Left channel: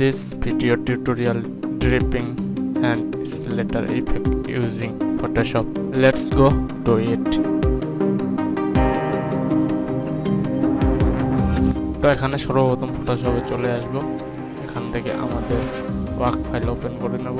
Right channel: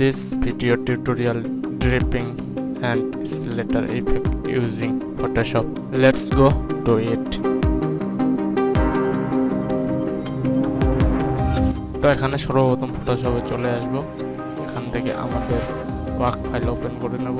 this video tutorial dripping and splatter effect using Photoshop. Let's go to it. তো এখানে সর্বপ্রথম ফটোশপে চলে আসব। এখান থেকে আমাদের ওয়ার্ক ফাইল ওপেন করে নেব।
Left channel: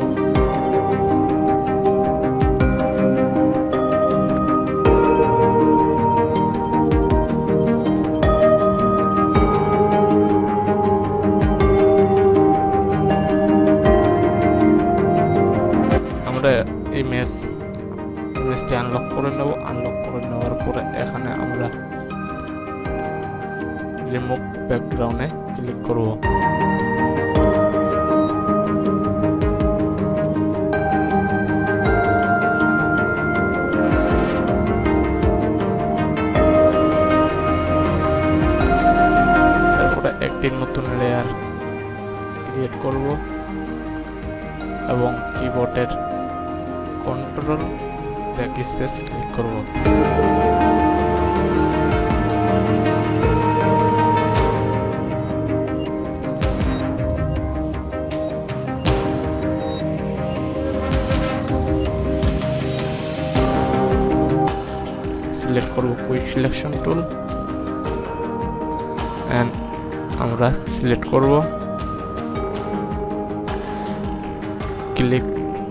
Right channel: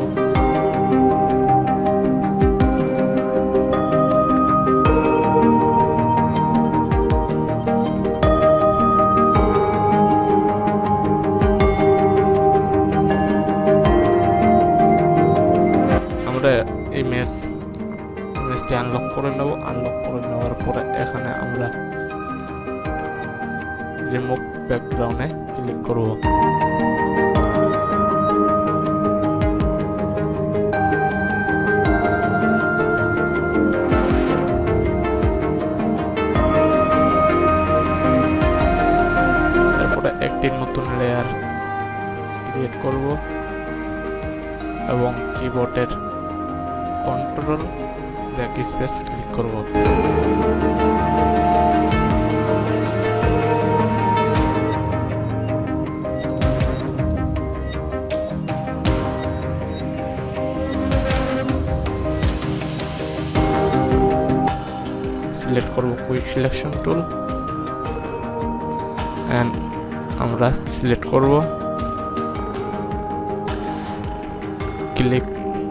আমরা ইমেজটি আনলক করে নেব। আনলক করে নেওয়ার পরে এখানে আমরা রিমুভ ব্যাকগ্রাউন্ডে ক্লিক করব। তারপরে একটি নতুন লেয়ার ক্রিয়েট করব এবং কিবোর্ডের কন্ট্রোল ব্যাকস্পেস ক্লিক করব। সিলেক্ট করব কুইক সিলেকশন টুল এন্ড আমরা সিলেক্ট করব ক্লিক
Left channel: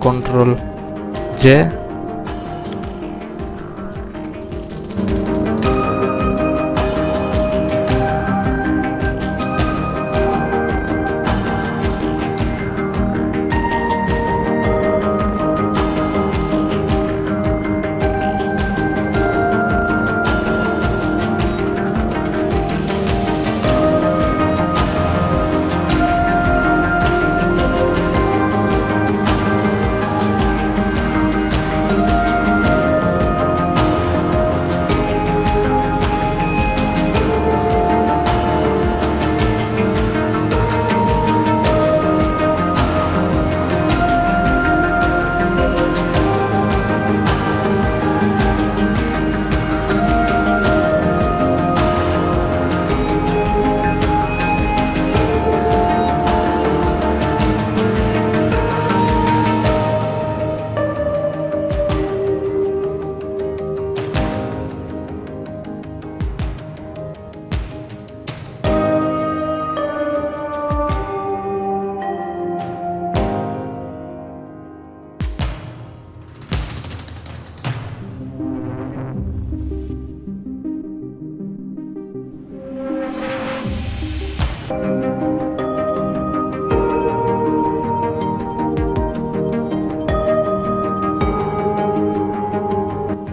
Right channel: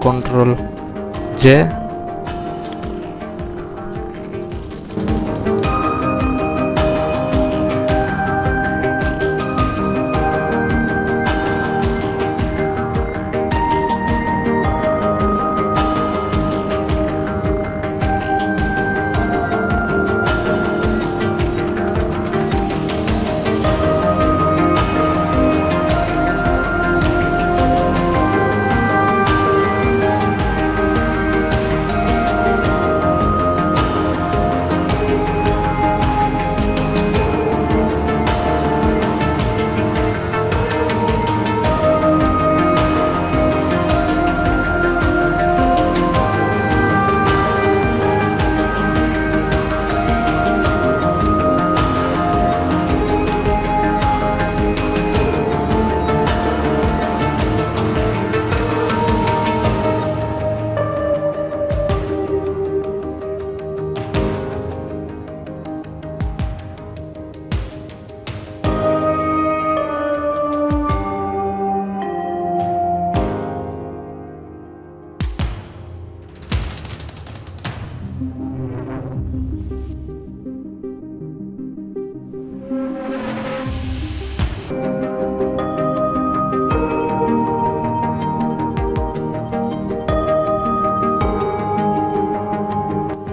কন্ট্রোল জে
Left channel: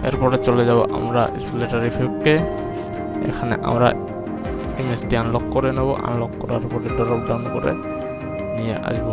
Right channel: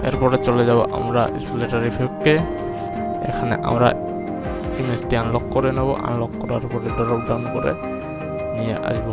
এরপরে চলে যাব আমরা স্প্ল্যাটার ইফেক্টে। এখানে আমরা ইমেজটি আনলক করে নেব। আনলক করার পরে ড্রপ ডাউন করে নিয়ে আসব।